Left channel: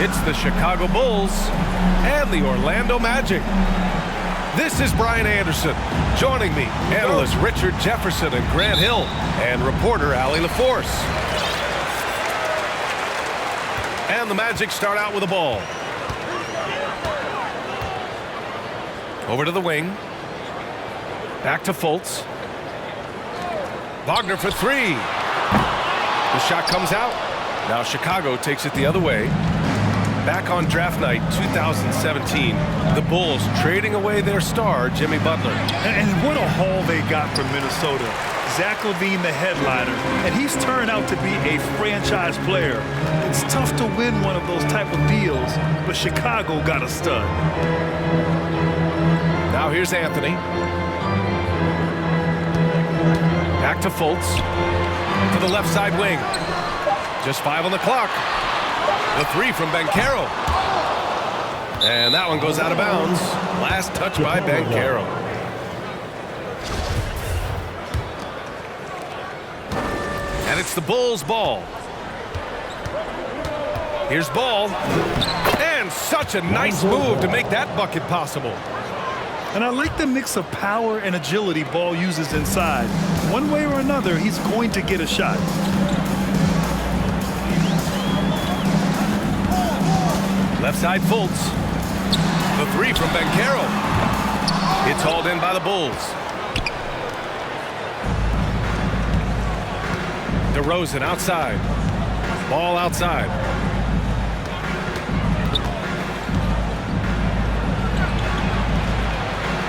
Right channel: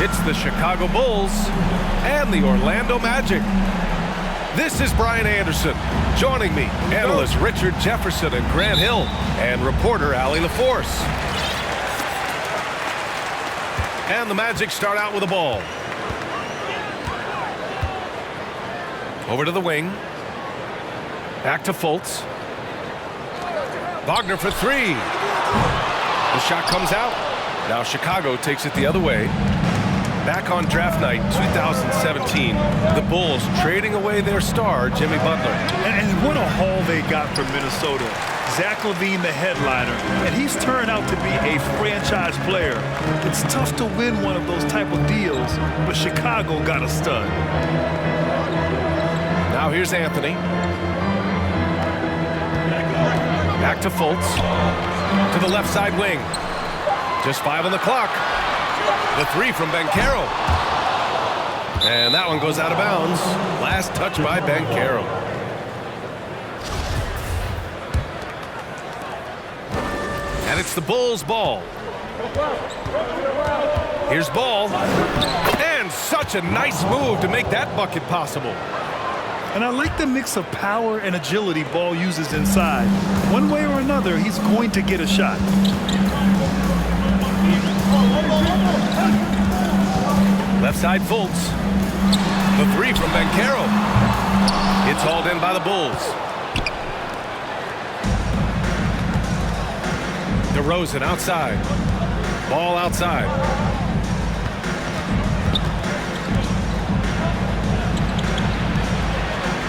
It's the Chicago Bulls and the Orlando Magic. This is Brian Anderson. Joining me, analysts Richard Jefferson and Grant Hill, and reporter Allie LaForce. And the Magic start out with a ball. Over to the wing. Back to Fultz. Wagner for three. The shot comes out. Now Chicago takes it the other way. Back on draft night 2017, the Bulls trading away their star, Jimmy Butler. And what a haul they got from Minnesota. Zach LaVine, the headliner, and he's turned out to be a franchise player. It's tough to win one of those type of deals, but Chicago got a stud. Now here's Anthony. Back to Fultz. To the left side wing. Just 5 on the clock. The three from Banchero. And that one goes out of bounds. Last touch by Banchero. And it's the Bulls' ball. Here's Ball. And such a nice move to make that bucket possible. And I like the mix of power and agility Ball uses inside. One way or another, he's going to get a shot. Left side Fultz. The three from Banchero. It's hauled in by the Bulls. DeRozan outside. Ball outside.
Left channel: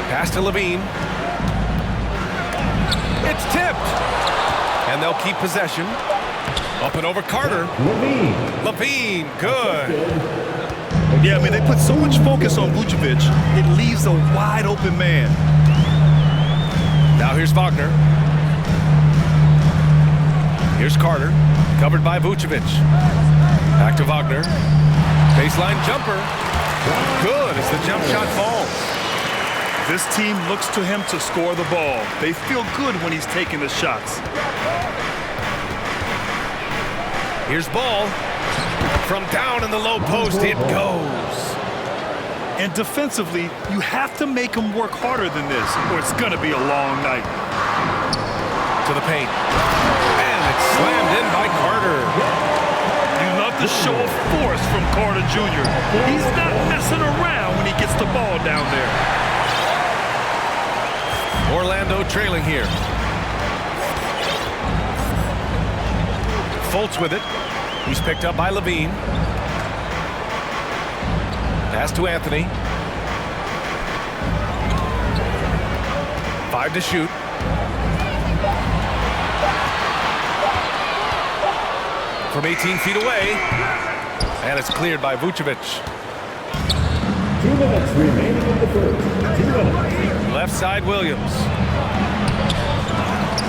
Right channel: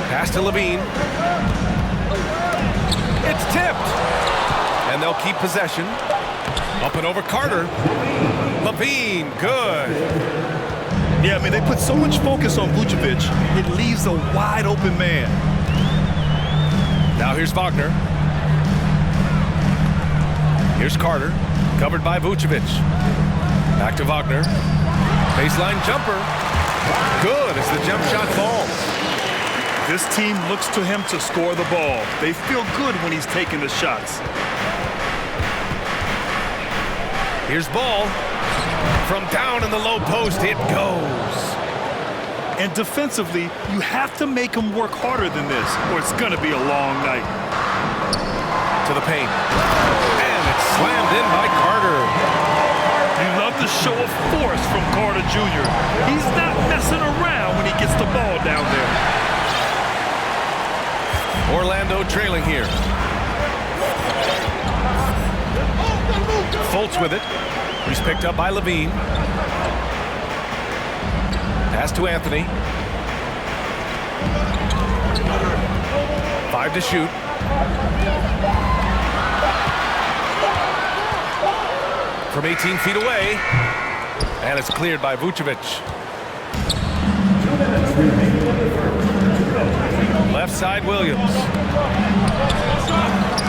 Pass to LaVine. It's tipped. And they'll keep possession. Up and over Carter. LaVine, good. Yeah, I mean, they put so much focus on Vucevic, it leaves a wide open man. Now here's Wagner. Here's Carter, covered by Vucevic. Back to Wagner. Baseline jumper. Good as the jump shot falls. This team looks to him to score the ball. They feel good when he's taking the shots. Here's Ball. From down in the low post, it goes. And defensively, you have to make him work harder than this, or it's going to be a long night. To the paint. And it's slammed in by Carter. You love the show of force from Carter Jr. He's not messing around when he gets the ball down there. Orlando trailing here. Fultz with it. He's picked up by LaVine. Pass to Anthony. 5 to shoot. From 18 feet away. And it's cleared by Vucevic. 2 minutes remaining in the first. 2 minutes. Left side Williams.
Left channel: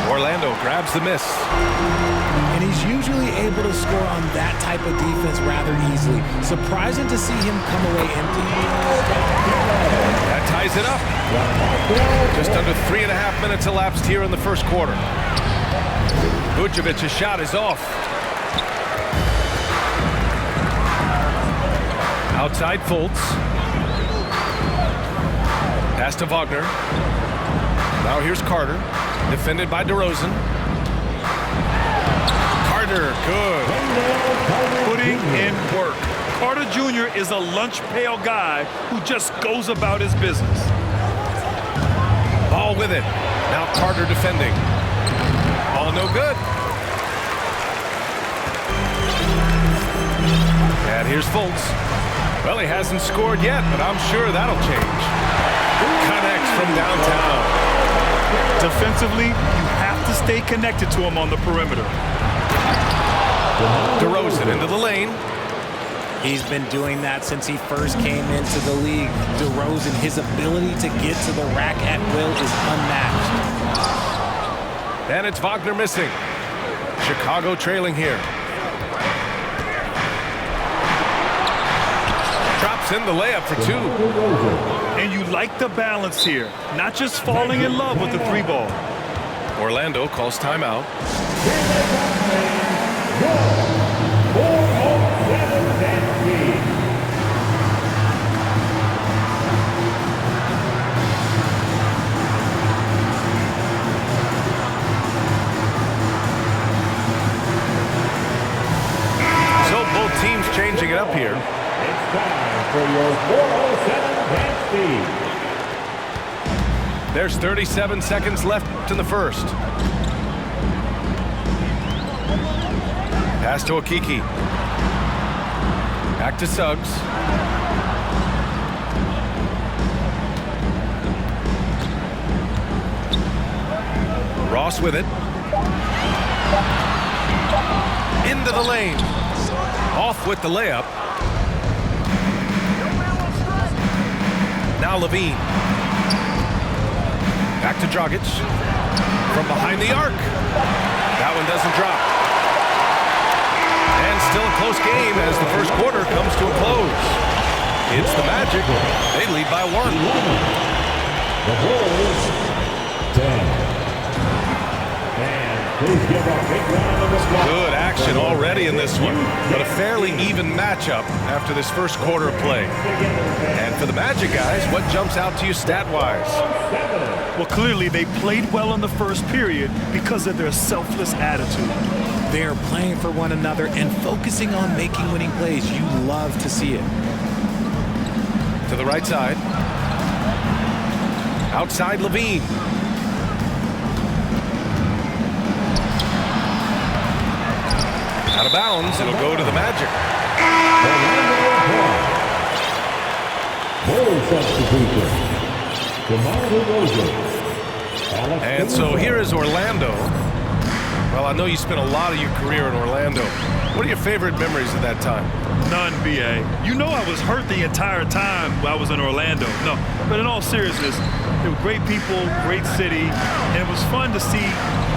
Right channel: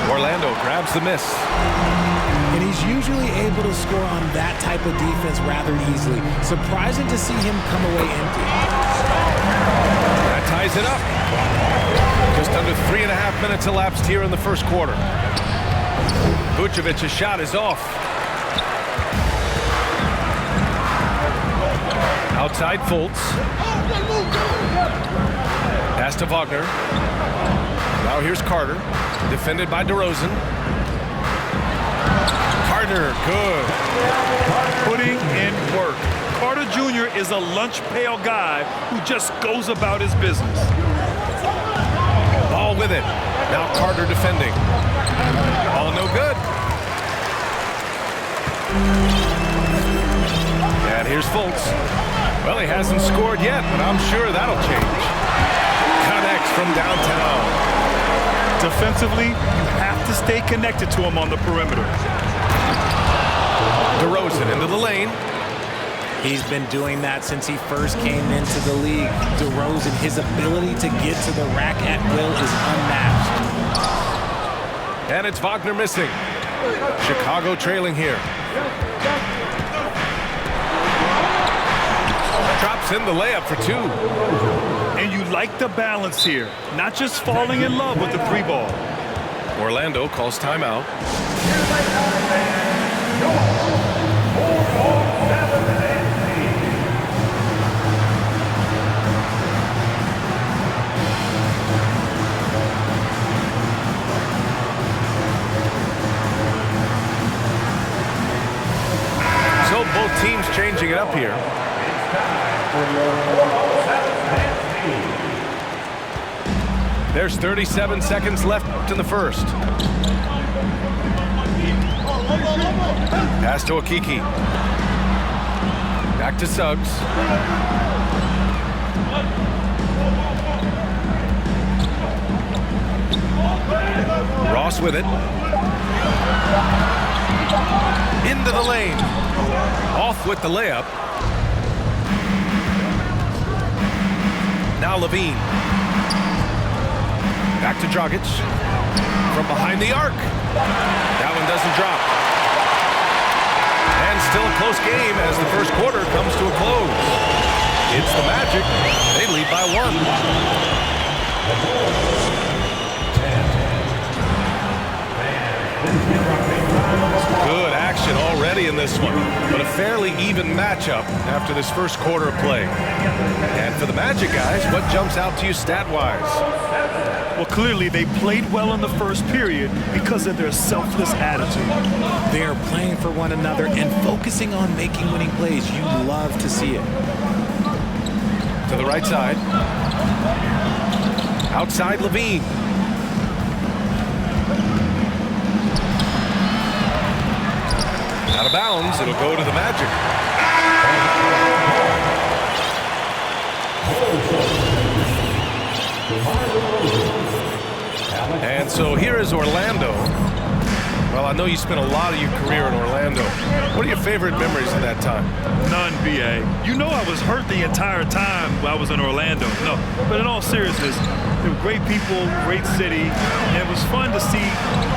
Orlando grabs the miss. And he's usually able to score on that type of defense rather easily. Surprising to see him come away empty. That ties it up. Just under 3.5 minutes elapsed here in the first quarter. Vucevic's shot is off. Outside Fultz. Pass to Wagner. Now here's Carter. Defended by DeRozan. Carter, good. Putting in work. Carter Jr. is a lunch pail guy who just goes about his business. Ball with it. Now Carter defending. Ball no good. And here's Fultz. Well, he hasn't scored yet, but I'm sure that'll change. Connects from downtown. Defensively, you have to stay connected to him on the perimeter. DeRozan into the lane. He's been doing that since he first came into the league. DeRozan, his ability to get to the rack at will is unmatched. And it's Wagner missing. Chicago trailing here. Drops in the layup for 2. And you like the balance here, not just falling in love with the 3 ball. Orlando calls timeout. Here they come, fans. Your 4 on 7 team. changing it up here. It's time for your 407 hand speed. There's 37 seconds left in the first. Pass to Okiki. Back to Suggs. Ross with it. Into the lane. Off with the layup. Now Levine. Back to Dragic. From behind the arc. That one doesn't drop. And still a close game as the first quarter comes to a close. It's the Magic. They lead by 1. The Bulls, 10. And please give a big round of applause. Good action already in this one, but a fairly even matchup after this first quarter of play. And for the Magic guys, what jumps out to you stat-wise? Well, clearly they played well in the first period because of their selfless attitude. They are playing for one another and focusing on making winning plays. You love to see it. To the right side. Outside Levine. Out of bounds, it'll go to the Magic. And so here is Orlando. Well, I know you spent a lot of your career in Orlando. What are your favorite memories of that time? None, B.A. You know I was hurt the entire time I was in Orlando. No, but in all seriousness, they were great people, great city, and it was fun to see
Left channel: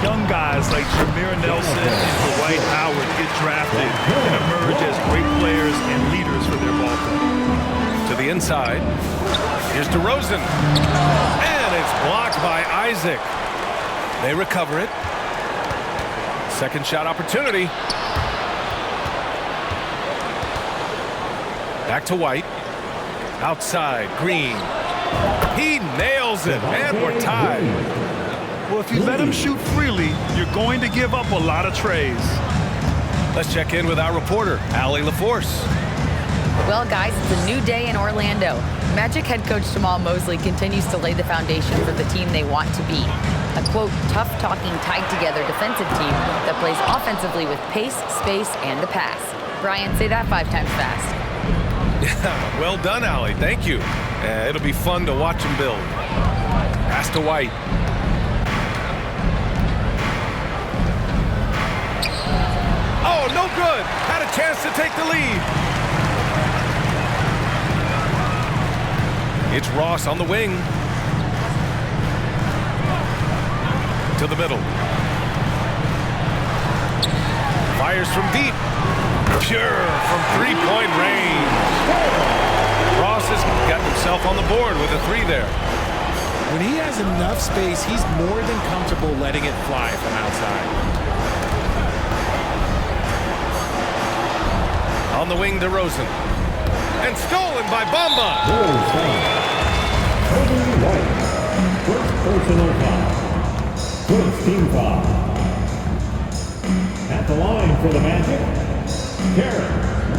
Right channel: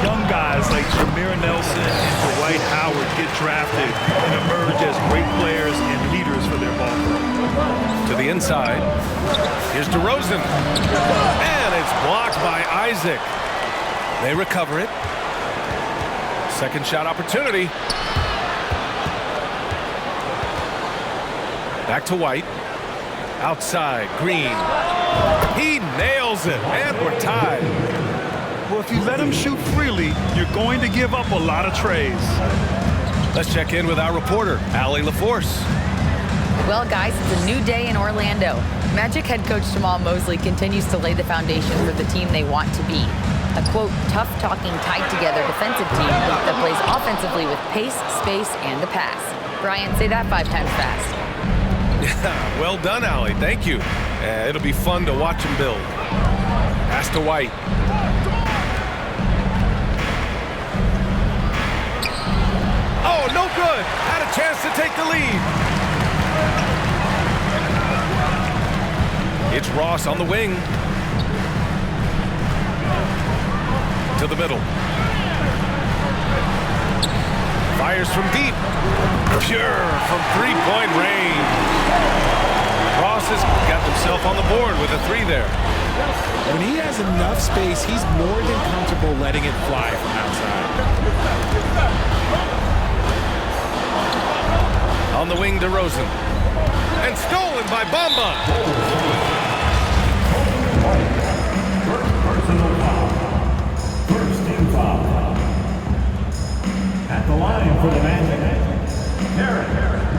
young guys like Jameer Nelson and Dwight Howard get drafted and emerge as great players and leaders for their ball club. To the inside. Here's DeRozan. And it's blocked by Isaac. They recover it. Second shot opportunity. Back to White. Outside, Green. He nails it, and we're tied. Well, if you let him shoot freely, you're going to give up a lot of trays. Let's check in with our reporter, Allie LaForce. Well, guys, it's a new day in Orlando. Magic head coach Jamal Mosley continues to lay the foundation for the team they want to be. A, quote, tough-talking, tied-together defensive team that plays offensively with pace, space, and the pass. Brian, say that 5 times fast. Yeah, well done, Allie. Thank you. It'll be fun to watch him build. Pass to White. Oh, no good. Had a chance to take the lead. It's Ross on the wing. To the middle. Fires from deep. Pure from three-point range. Ross has gotten himself on the board with a 3 there. When he has enough space, he's more than comfortable letting it fly from outside. On the wing, DeRozan. And stolen by Bamba. First personal foul. First team foul. At the line for the Magic,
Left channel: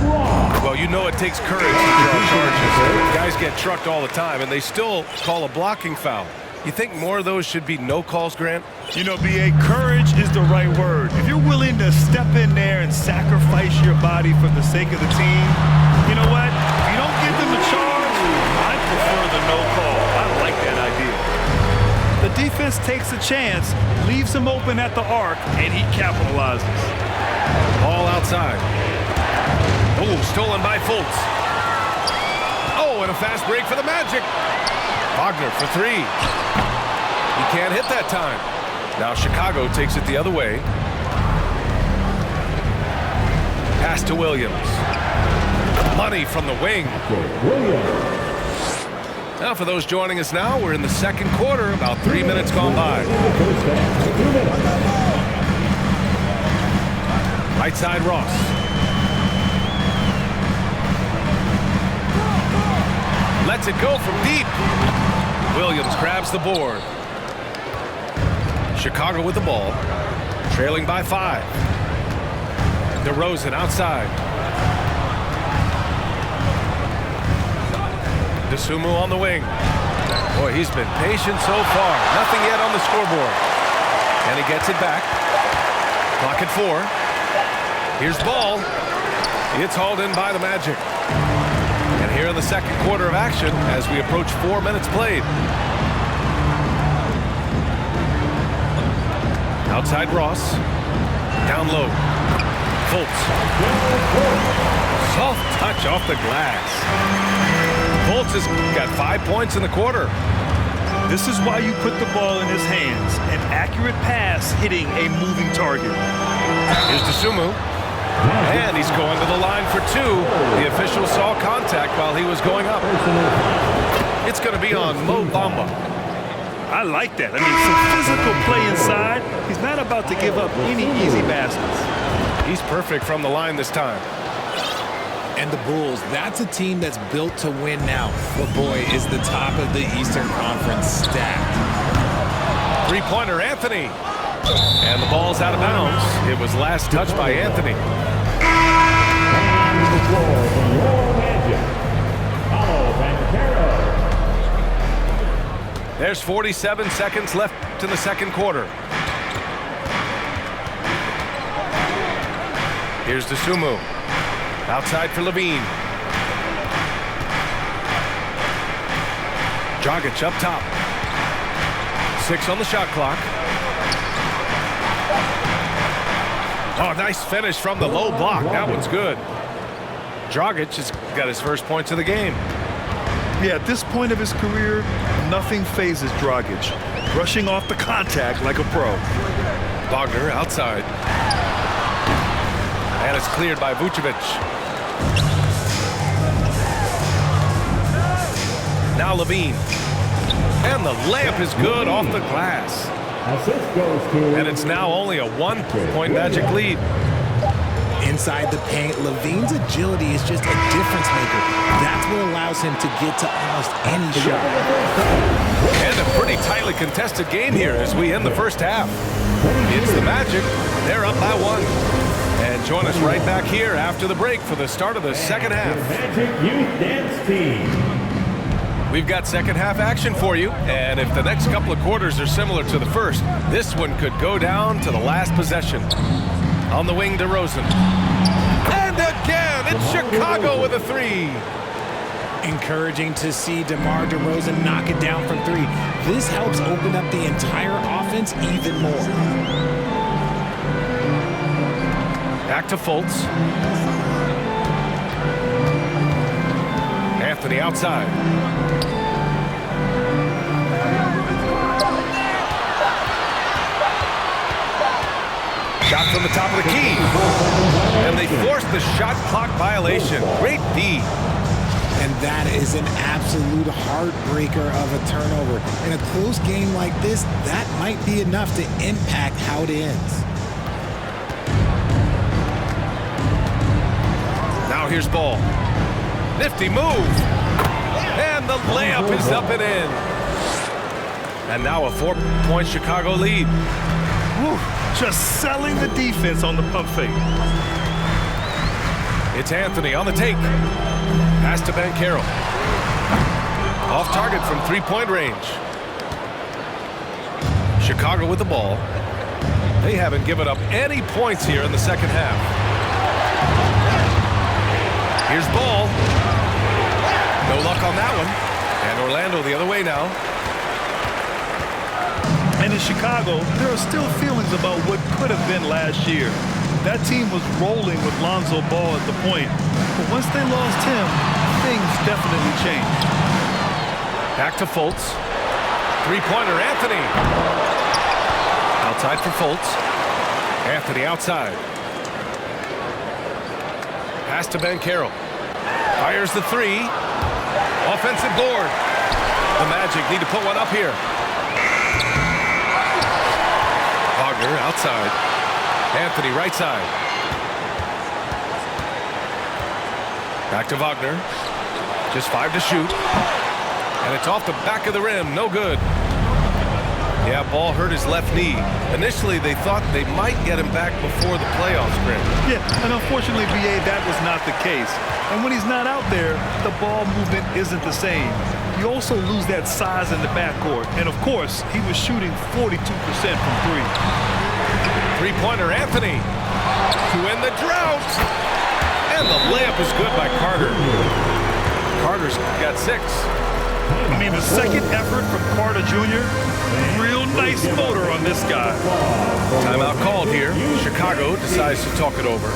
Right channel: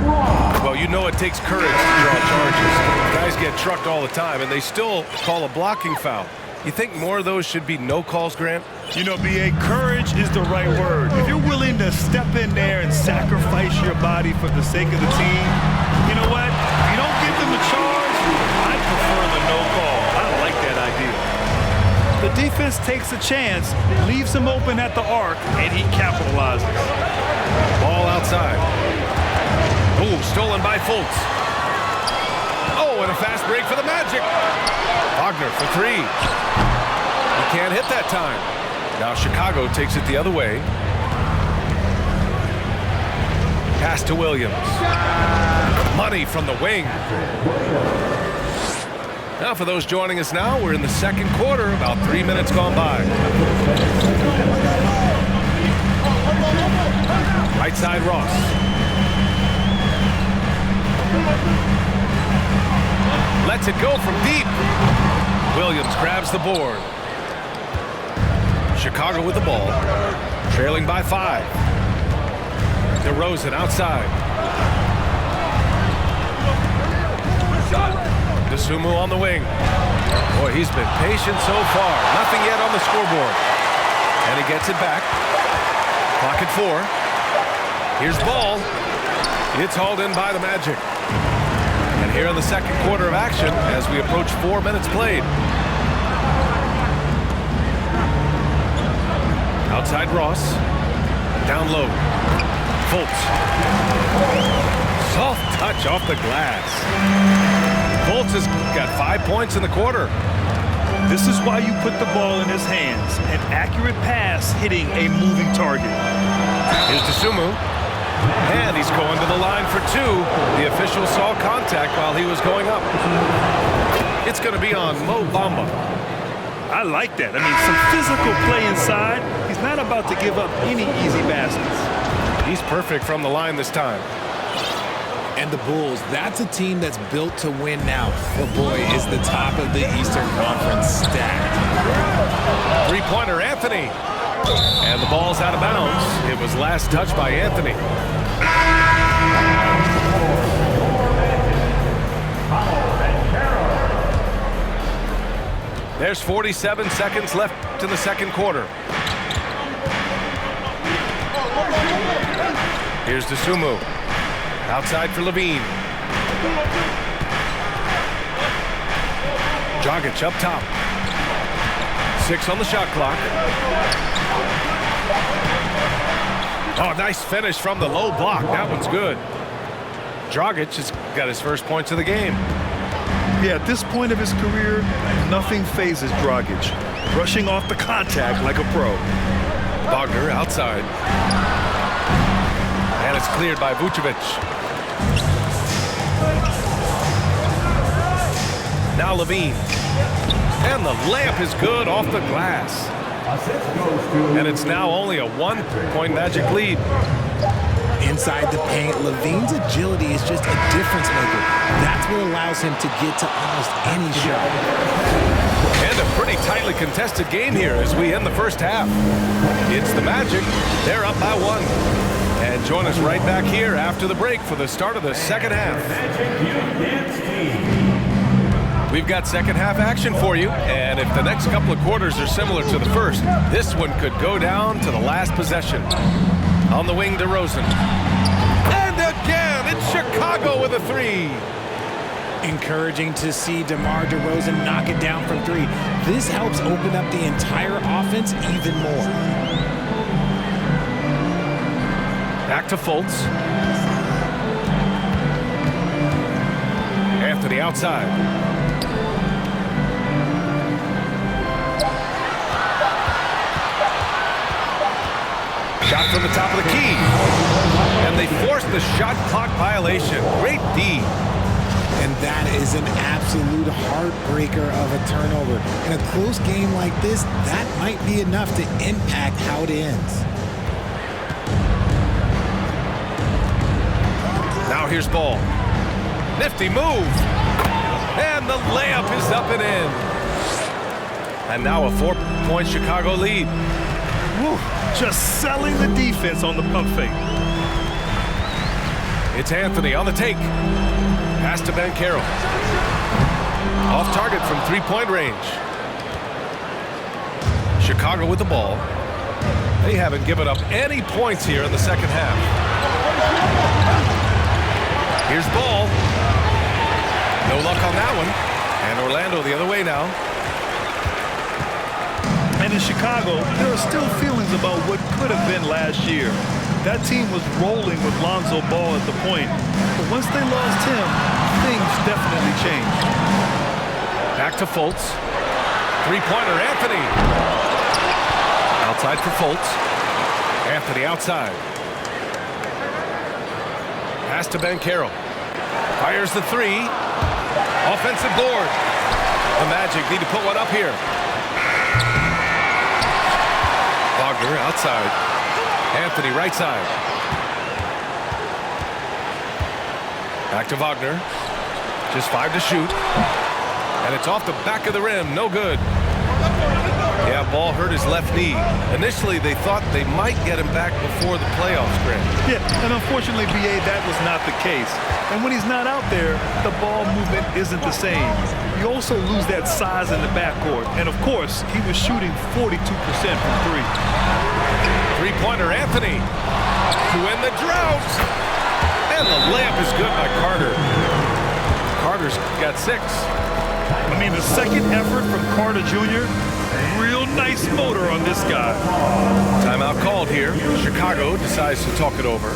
Ross. Well, you know it takes courage to draw charges. Guys get trucked all the time, and they still call a blocking foul. You think more of those should be no calls, Grant? You know, B.A., courage is the right word. If you're willing to step in there and sacrifice your body for the sake of the team, you know what? If you don't give them a charge, I prefer the no call. I like that idea. The defense takes a chance, leaves him open at the arc, and he capitalizes. Ball outside. Oh, stolen by Fultz. Oh, and a fast break for the Magic. Wagner for 3. He can't hit that time. Now Chicago takes it the other way. Pass to Williams. Money from the wing. Now for those joining us now, we're in the second quarter, about 3 minutes gone by. Right side, Ross. Lets it go from deep. Williams grabs the board. Chicago with the ball, trailing by 5. DeRozan outside. Dosunmu on the wing. Boy, he's been patient so far. Nothing yet on the scoreboard. And he gets it back. Clock at 4. Here's ball. It's hauled in by the Magic. And here in the second quarter of action as we approach 4 minutes played. Outside Ross. Down low. Fultz. Soft touch off the glass. Fultz has got 5 points in the quarter. This is why you put the ball in his hands. An accurate pass hitting a moving target. Here's Dosunmu. And he's going to the line for 2. The official saw contact while he was going up. It's going to be on Mo Bamba. I like that. I mean, some physical play inside. He's not about to give up any easy baskets. He's perfect from the line this time. And the Bulls, that's a team that's built to win now. But boy, is the top of the Eastern Conference stacked. Three-pointer, Anthony. And the ball's out of bounds. It was last touched by Anthony. There's 47 seconds left in the second quarter. Here's Dosunmu. Outside for Levine. Dragic up top. 6 on the shot clock. Oh, nice finish from the low block. That one's good. Dragic has got his first points of the game. Yeah, at this point of his career, nothing phases Dragic. Brushing off the contact like a pro. Wagner outside. And it's cleared by Vucevic. Now Levine. And the layup is good off the glass. Assist goes to... And it's now only a 1-point Magic lead. Inside the paint, Levine's agility is just a difference maker. That's what allows him to get to almost any shot. And a pretty tightly contested game here as we end the first half. It's the Magic. They're up by 1. And join us right back here after the break for the start of the second half. Magic Youth Dance Team. We've got second half action for you, and if the next couple of quarters are similar to the first, this one could go down to the last possession. On the wing, DeRozan. And again, it's Chicago with a 3. Encouraging to see DeMar DeRozan knock it down from 3. This helps open up the entire offense even more. Back to Fultz. Anthony outside. Shot from the top of the key. And they forced the shot clock violation. Great D. And that is an absolute heartbreaker of a turnover. In a close game like this, that might be enough to impact how it ends. Now here's ball. Nifty move. And the layup is up and in. And now a 4-point Chicago lead. Woo, just selling the defense on the pump fake. It's Anthony on the take. Pass to Banchero. Off target from 3-point range. Chicago with the ball. They haven't given up any points here in the second half. Here's ball. No luck on that one. And Orlando the other way now. And in Chicago, there are still feelings about what could have been last year. That team was rolling with Lonzo Ball at the point. But once they lost him, things definitely changed. Back to Fultz. 3-pointer, Anthony. Outside for Fultz. Anthony outside. Pass to Banchero. Fires the 3. Offensive board. The Magic need to put one up here. Wagner outside. Anthony right side. Back to Wagner. Just 5 to shoot. And it's off the back of the rim. No good. Yeah, ball hurt his left knee. Initially, they thought they might get him back before the playoffs, Grant. Yeah, and unfortunately, BA, that was not the case. And when he's not out there, the ball movement isn't the same. You also lose that size in the backcourt. And, of course, he was shooting 42% from three. Three-pointer, Anthony, to end the drought. And the layup is good by Carter. Carter's got 6. I mean, the second effort from Carter Jr., real nice motor on this guy. Timeout called here. Chicago decides to talk it over.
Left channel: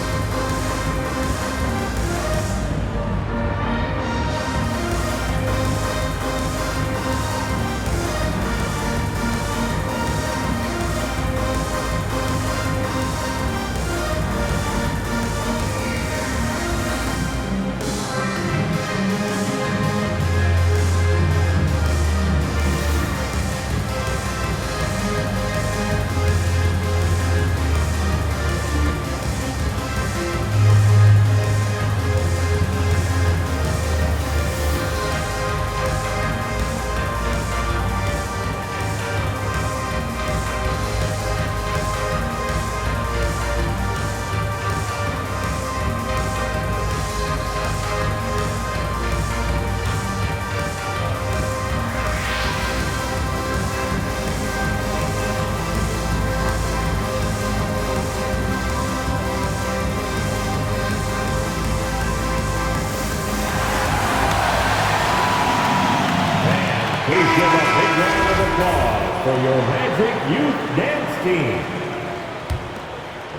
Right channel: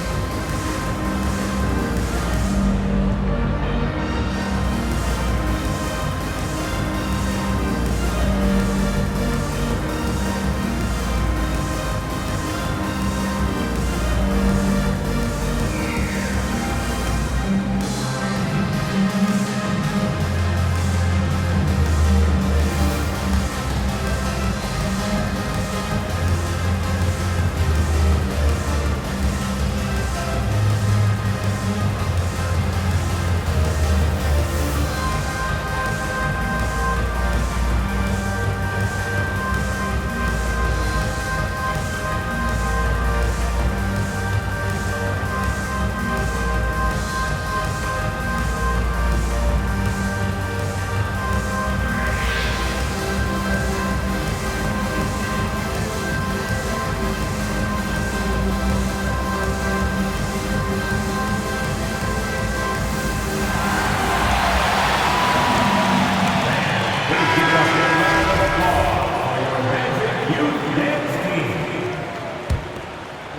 Please give a big round of applause for your Magic Youth Dance Team.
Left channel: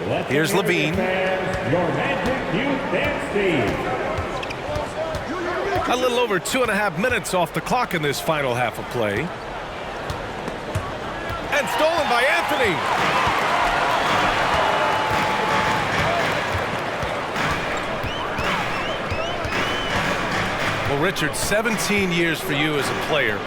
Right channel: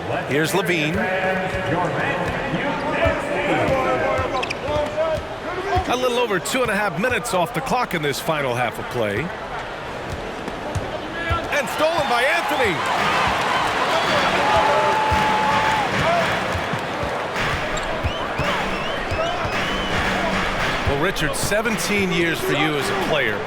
Let's Here's hear it, Levine. fans, your Magic Youth Dance Team. A little over 2.5 minutes off the clock in this final half of play. And stolen by Anthony. Well, Richard, 17 years for you as a player.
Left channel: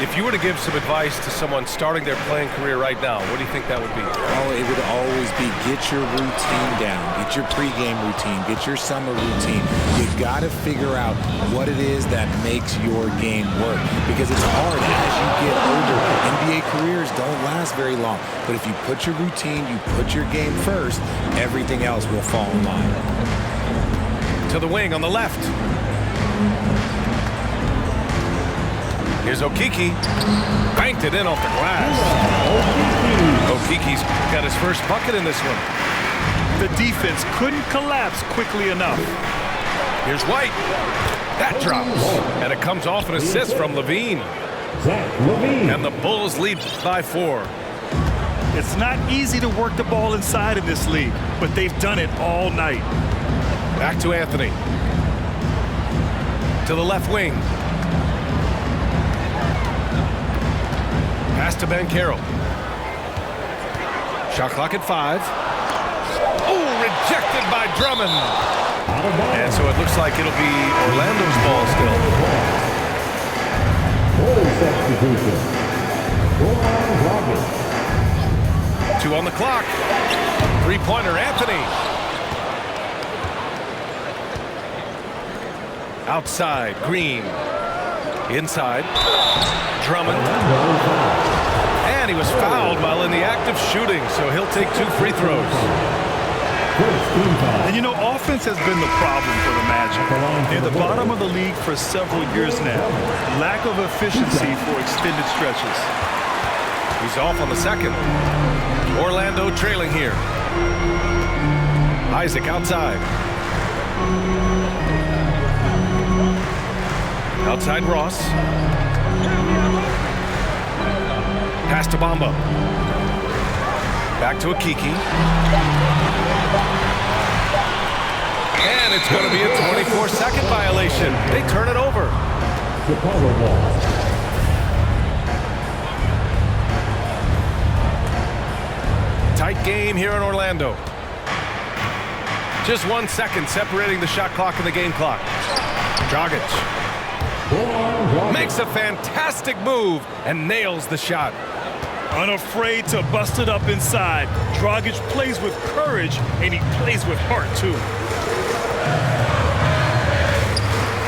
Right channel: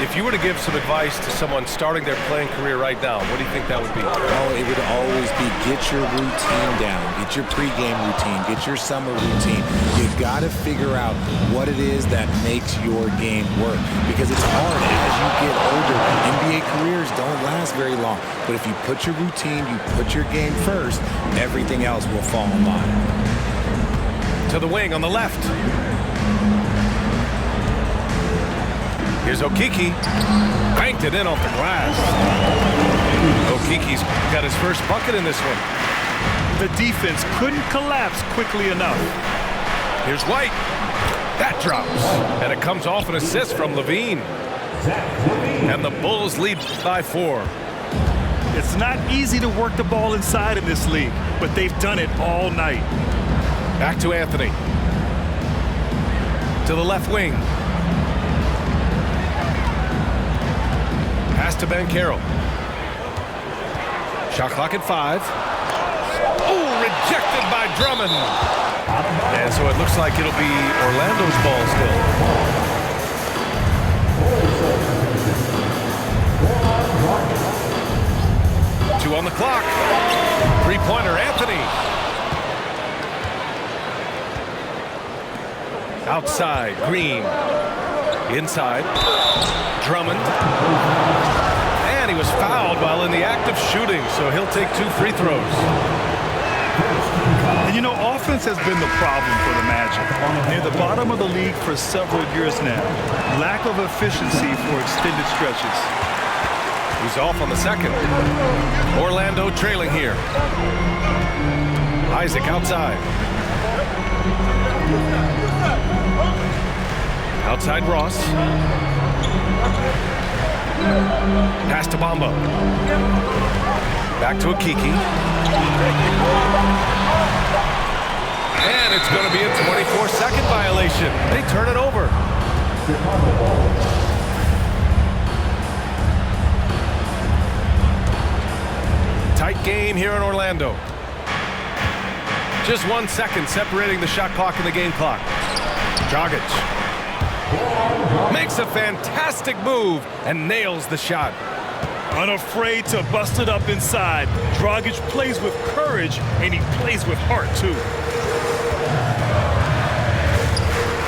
If you were to give some advice to someone starting their playing career right now, what do you think that would be? Oh, it would always be get your routine down, get your pregame routine, get your summer routine. You got to figure out what it is that makes your game work, because it's hard as you get older. NBA careers don't last very long, but if you put your routine, you put your game first, everything else will fall in line. To the wing on the left. Here's Okiki. Banked it in off the glass. Okiki's got his first bucket in this one. The defense couldn't collapse quickly enough. Here's White. That drops. And it comes off an assist from Levine. And the Bulls lead by 4. It's not easy to work the ball inside in this league, but they've done it all night. Back to Anthony. To the left wing. Pass to Banchero. Shot clock at 5. Oh, rejected by Drummond. And so it looks like it'll be Orlando's ball still. Full substitution. 2 on the clock. Three-pointer, Anthony. Outside, Green. Inside, Drummond. And he was fouled while in the act of shooting, so he'll take 2 free throws. And you know, offense has been the problem for the Magic. Near the bottom of the league for several years now. Lack of efficiency for extended stretches. He's off on the second. Orlando trailing here. Isaac outside. Outside Ross. Pass to Bamba. Back to Okiki. And it's going to be a 24-second violation. They turn it over. Chicago ball. Tight game here in Orlando. Just 1 second separating the shot clock and the game clock. Dragic makes a fantastic move and nails the shot. Unafraid to bust it up inside. Dragic plays with courage, and he plays with heart, too.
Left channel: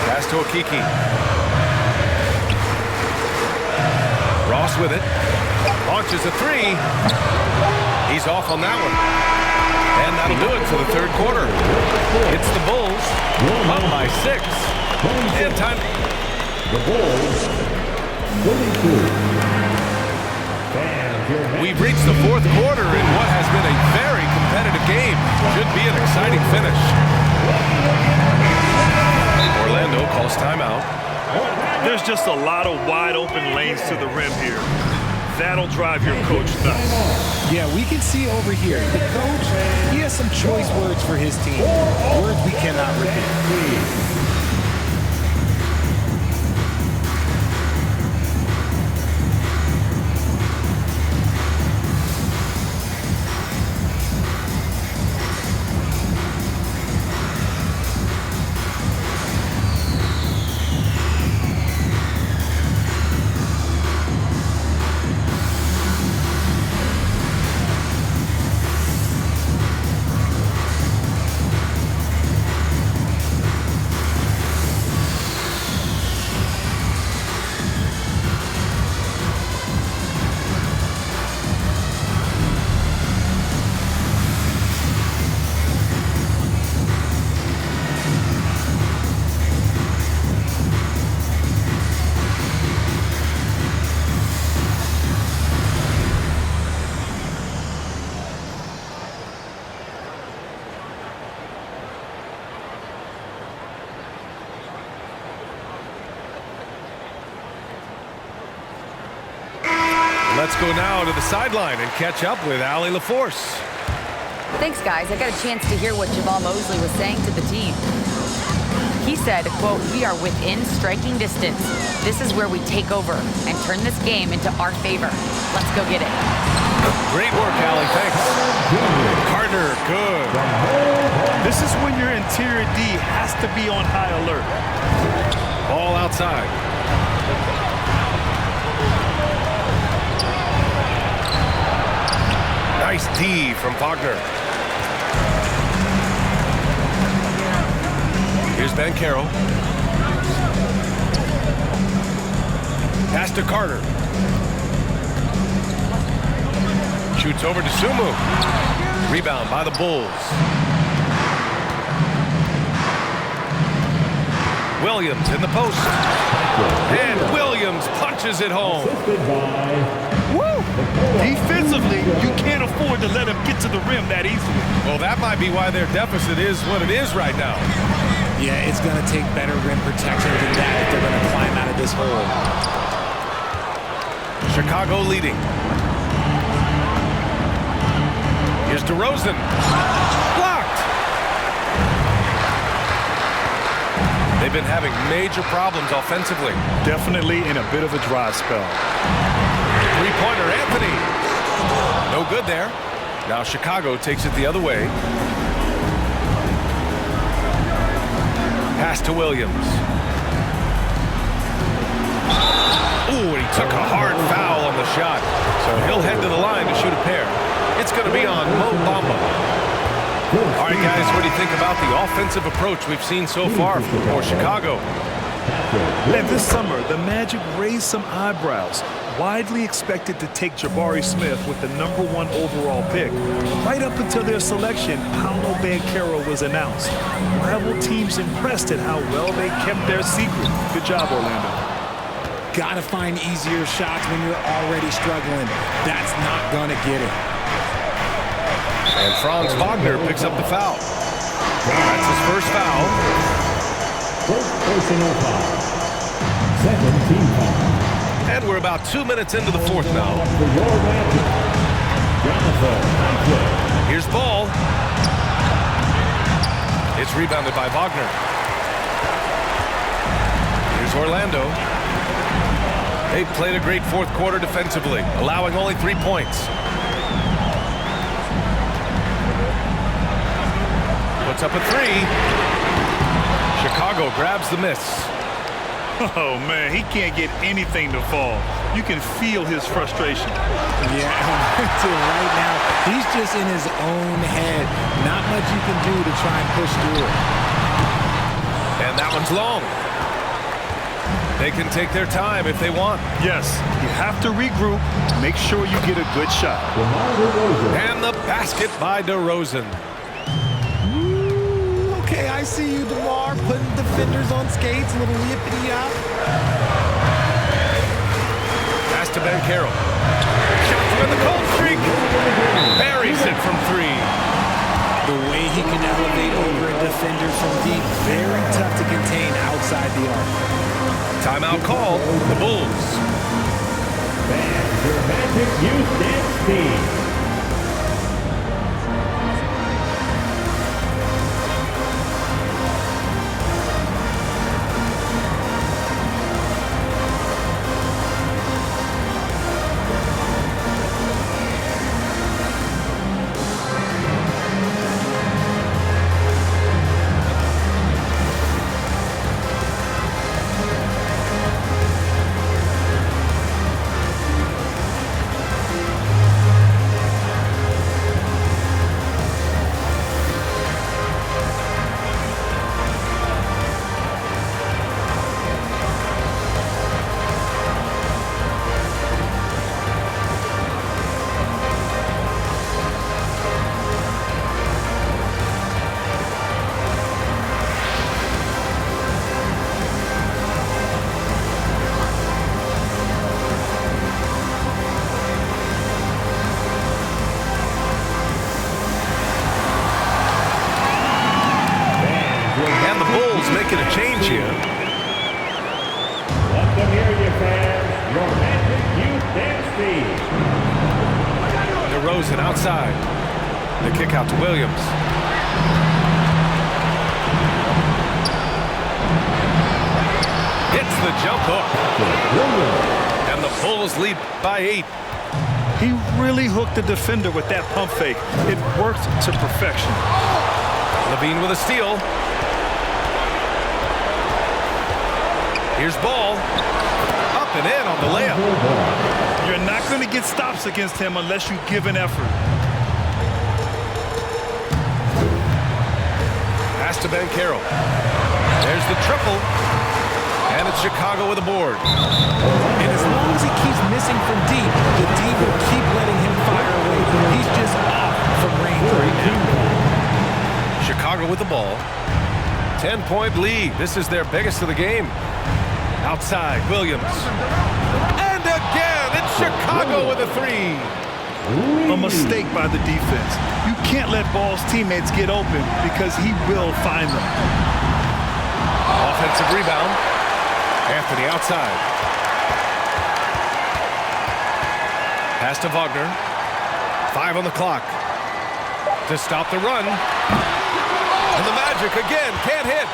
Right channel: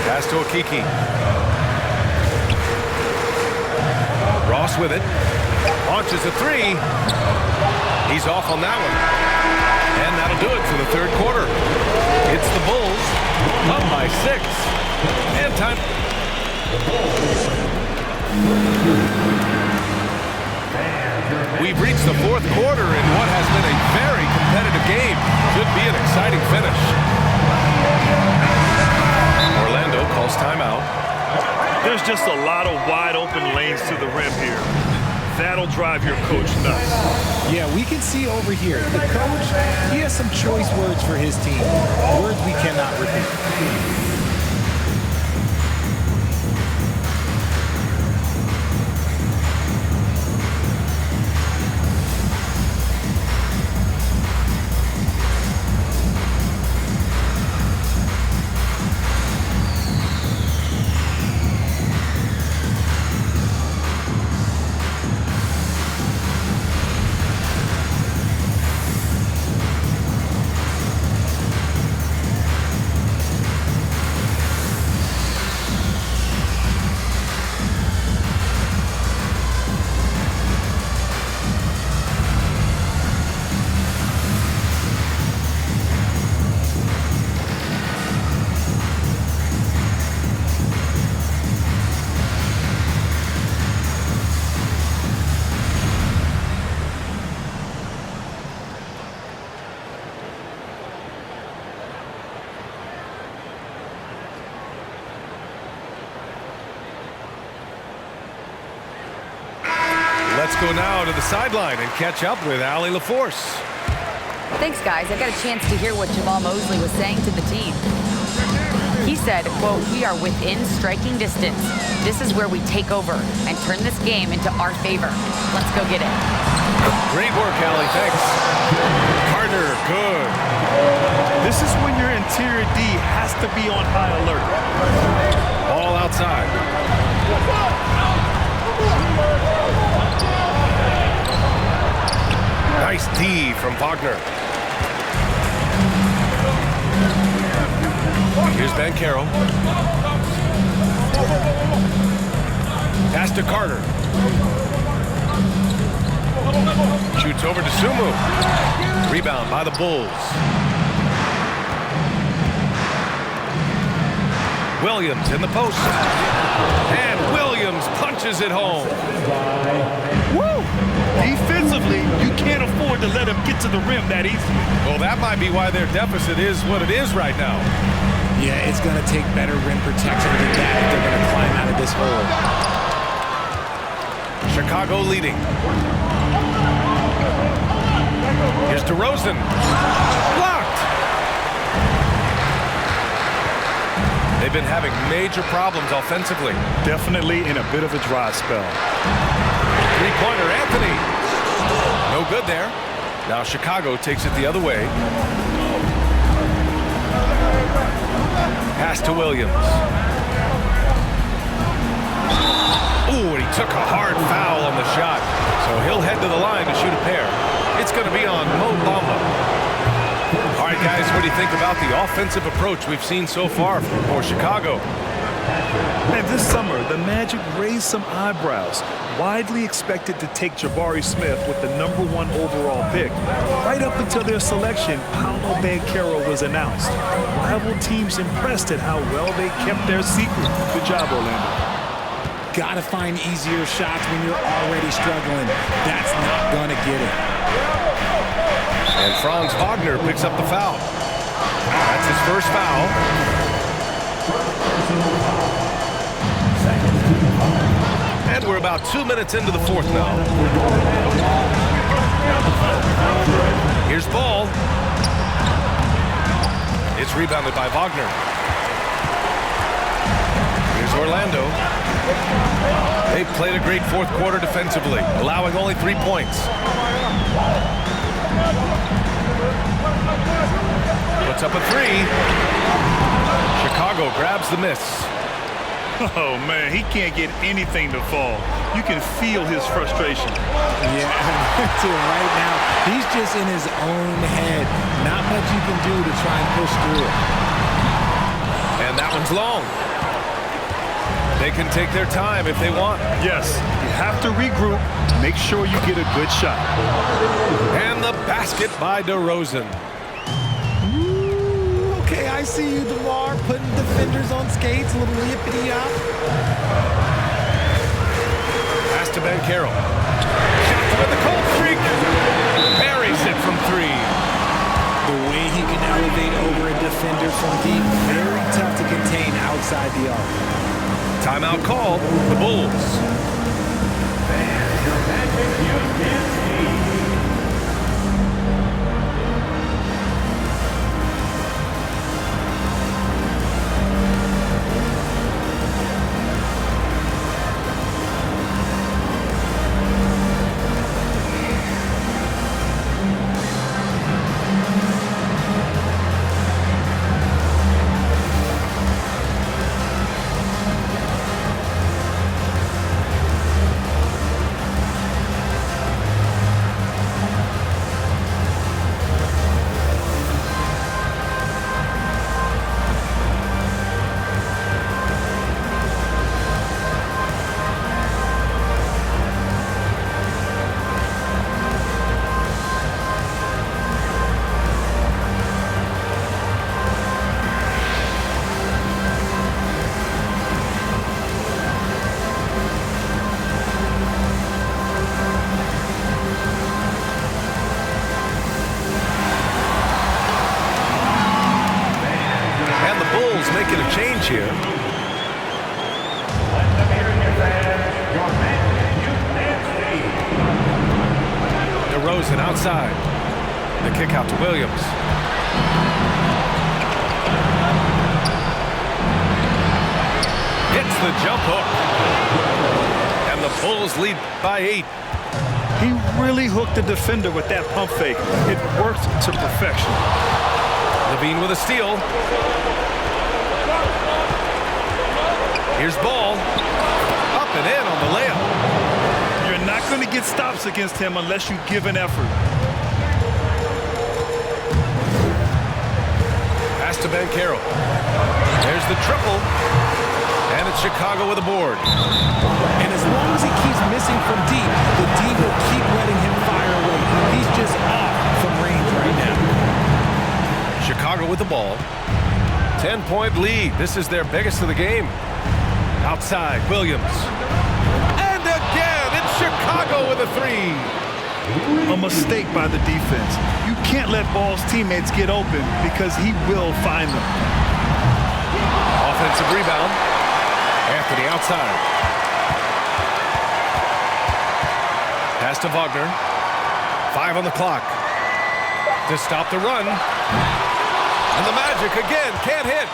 Pass to Okiki. Ross with it. Launches a three. He's off on that one. And that'll do it for the third quarter. It's the Bulls up by 6. And time. The Bulls, 52. We've reached the fourth quarter in what has been a very competitive game. Should be an exciting finish. Orlando calls timeout. There's just a lot of wide open lanes to the rim here. That'll drive your coach nuts. Yeah, we can see over here, the coach, he has some choice words for his team. Words we cannot repeat. Let's go now to the sideline and catch up with Allie LaForce. Thanks, guys. I got a chance to hear what Jamal Mosley was saying to the team. He said, quote, "We are within striking distance. This is where we take over and turn this game into our favor. Let's go get it." Great work, Allie. Thanks. Carter, good. This is when your interior D has to be on high alert. Ball outside. Nice D from Wagner. Here's Banchero. Pass to Carter. Shoots over to Sumu. Rebound by the Bulls. Williams in the post. And Williams punches it home. Woo! Defensively, you can't afford to let him get to the rim that easily. Well, that might be why their deficit is what it is right now. Yeah, it's going to take better rim protection than that if they're going to climb out of this hole. Chicago leading. Here's DeRozan. Blocked. They've been having major problems offensively. Definitely in a bit of a dry spell. Three-pointer, Anthony. No good there. Now Chicago takes it the other way. Pass to Williams. Ooh, and he took a hard foul on the shot. So he'll head to the line to shoot a pair. It's going to be on Mo Bamba. All right, guys, what do you think about the offensive approach we've seen so far for Chicago? And this summer, the Magic raised some eyebrows. Widely expected to take Jabari Smith with the #1 overall pick. Right up until their selection, Paolo Banchero was announced. Rival teams impressed at how well they kept their secret. Good job, Orlando. Gotta find easier shots when you're already struggling. That's not gonna get it. And Franz Wagner picks up the foul. That's his first foul. First personal foul. Second team foul. And we're about 2 minutes into the fourth now. Here's Ball. It's rebounded by Wagner. Here's Orlando. They played a great fourth quarter defensively, allowing only 3 points. Puts up a three. Chicago grabs the miss. Oh, man, he can't get anything to fall. You can feel his frustration. Yeah, right now, he's just in his own head. Not much you can do to try and push through it. And that one's long. They can take their time if they want. Yes, you have to regroup, make sure you get a good shot. And the basket by DeRozan. Ooh, okay, I see you, DeMar, putting defenders on skates, a little yippity-yop. Pass to Banchero. Shot to win the cold streak. Buries it from 3. The way he can elevate over a defender from deep, very tough to contain outside the arc. Timeout called, the Bulls. And your Magic Youth Dance Team. And the Bulls making a change here. Let them hear it, your fans. Your Magic Youth Dance Team. DeRozan outside. The kick out to Williams. Hits the jump hook. And the Bulls lead by 8. He really hooked the defender with that pump fake. It worked to perfection. Levine with a steal. Here's Ball. Up and in on the layup. You're not going to get stops against him unless you give an effort. Pass to Banchero. There's the triple. And it's Chicago with a board. And as long as he keeps missing from deep, the D will keep letting him fire away. He's just off from range right now. Chicago with the ball. 10-point lead. This is their biggest of the game. Outside, Williams. And again, it's Chicago with a 3. A mistake by the defense. You can't let Ball's teammates get open because he will find them. Offensive rebound. Anthony outside. Pass to Wagner. 5 on the clock. To stop the run. And the Magic again can't hit.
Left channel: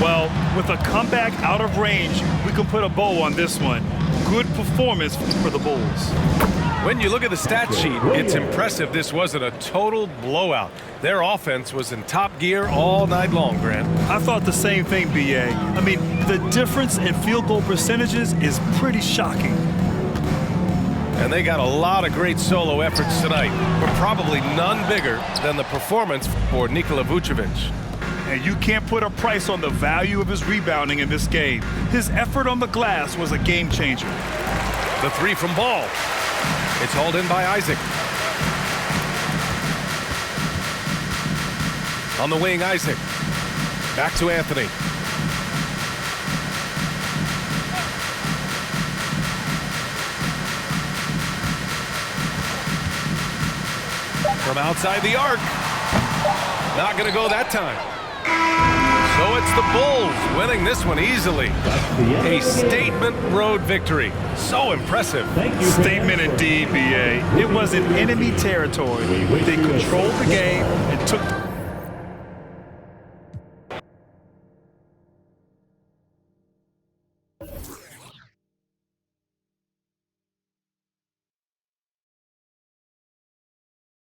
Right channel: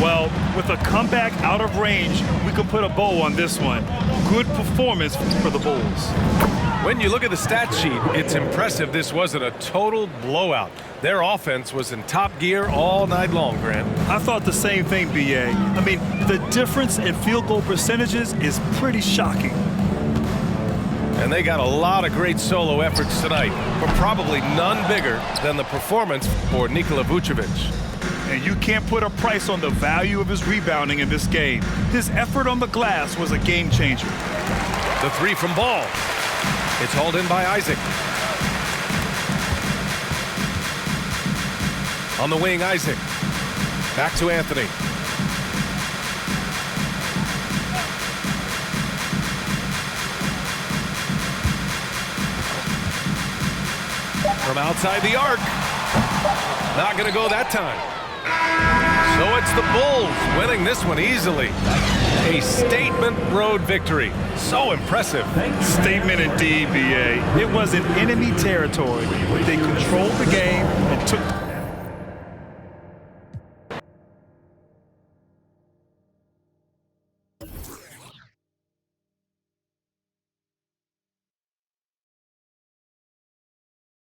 Well, with a comeback out of range, we can put a bow on this one. Good performance for the Bulls. When you look at the stat sheet, it's impressive this wasn't a total blowout. Their offense was in top gear all night long, Grant. I thought the same thing, B.A. I mean, the difference in field goal percentages is pretty shocking. And they got a lot of great solo efforts tonight, but probably none bigger than the performance for Nikola Vucevic. And you can't put a price on the value of his rebounding in this game. His effort on the glass was a game changer. The 3 from Ball. It's hauled in by Isaac. On the wing, Isaac. Back to Anthony. From outside the arc. Not going to go that time. So it's the Bulls winning this one easily. A statement road victory. So impressive. Statement indeed, B.A. It was in enemy territory, but they controlled the game and took